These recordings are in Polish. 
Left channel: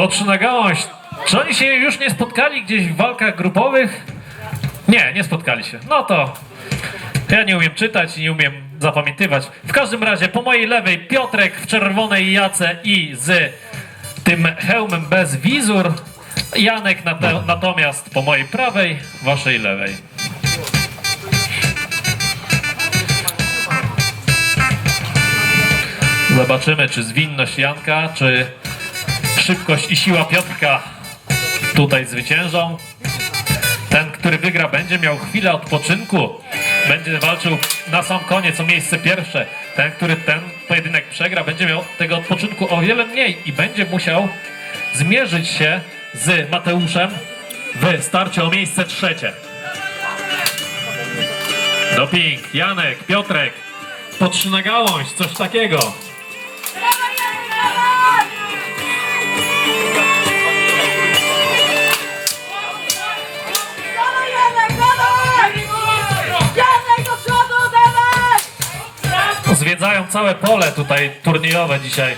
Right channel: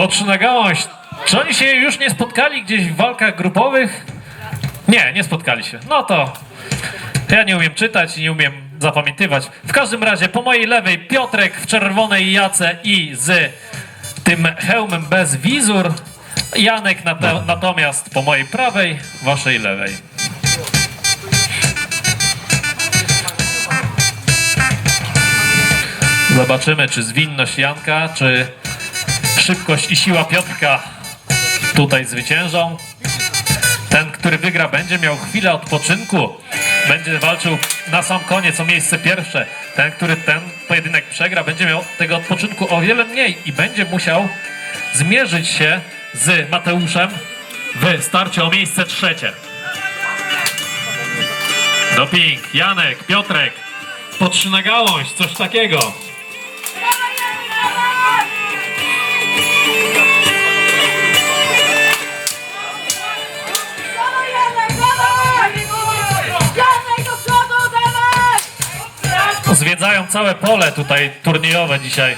Patrz na gałąź. Czy oni się już nie spotkali gdzieś w walkach grupowych? Nie, nie spotkali się. No to ja nie umiem czytać, nie umiem zapamiętywać. W każdym razie po mojej lewej Piotrek w czerwonej jace i z tym hełmem bez wizur. Janek nate- natomiast po mojej prawej, waszej lewej. Zobaczymy, czy zwinność Janka, czy szybkość i siła Piotrka tutaj zwyciężą. Ten, który wygra, będzie miał chwilę odpoczynku. Będzie walczył na sam koniec o miejsce pierwsze. Ten, który ten pojedynek przegra, będzie miał tego odpoczynku o wiele mniej i będzie musiał zmierzyć się z Mateuszem w starciu o miejsce trzecie. Doping, Janek, Piotrek, po trzy na gałąź, coś takiego. Zwiedzają całe pole tutaj turniejowe dzisiaj.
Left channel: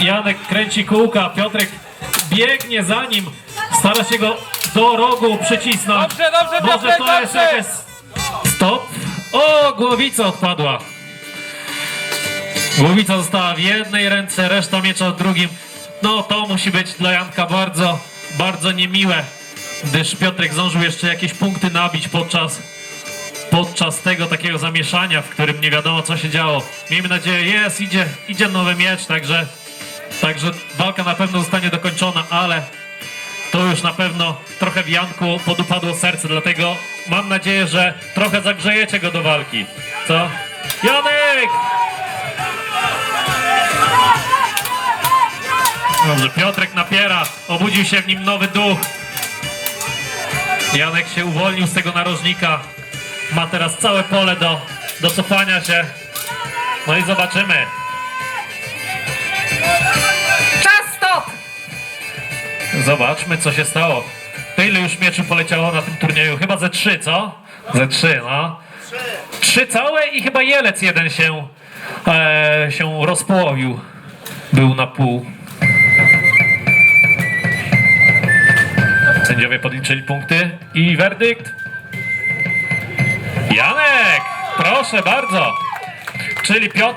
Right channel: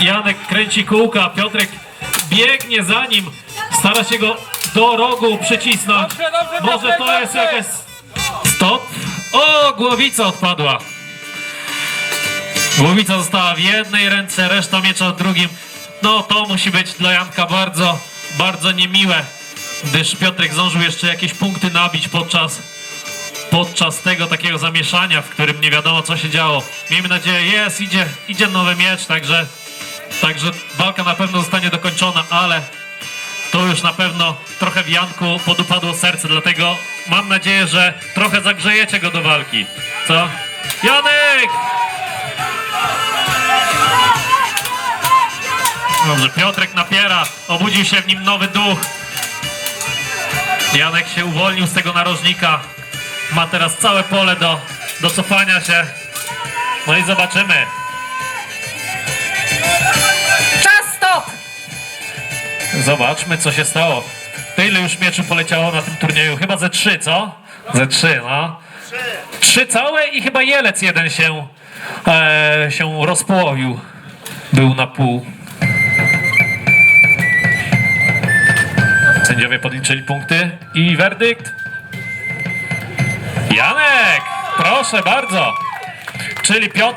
Janek, kręci kółka, Piotrek biegnie za nim, stara się go do rogu przycisnąć. Dobrze, dobrze, Może dobrze, to jest jakieś... Stop! O, głowica odpadła. Głowica została w jednej ręce, reszta miecza w drugim. No to musi być dla Janka bardzo, bardzo niemiłe, gdyż Piotrek zdążył jeszcze jakieś punkty nabić podczas podczas tego takiego zamieszania, w którym nie wiadomo co się działo. Miejmy nadzieję, jest, idzie, idzie nowy miecz, także, także walka na pewno zostanie dokończona, ale to już na pewno trochę w Janku podupadło serce, dlatego mam nadzieję, że trochę zagrzejecie go do walki. Co? Janek! Dobrze, Piotrek napiera, obudził się w nim nowy duch. Janek się uwolnił z tego narożnika. Ma teraz całe pole do, do cofania się. No i zobaczymy. Czas, stop! Zobaczmy, co się stało. To ile już mieczy poleciało na tym turnieju? Chyba ze trzy, co? Ze trzy, no. Trzy całe i chyba jelec jeden się, e, się rozpołowił. Był na pół. Sędziowie podliczyli punkty i werdykt. Janek! Proszę bardzo. Czyli Piotr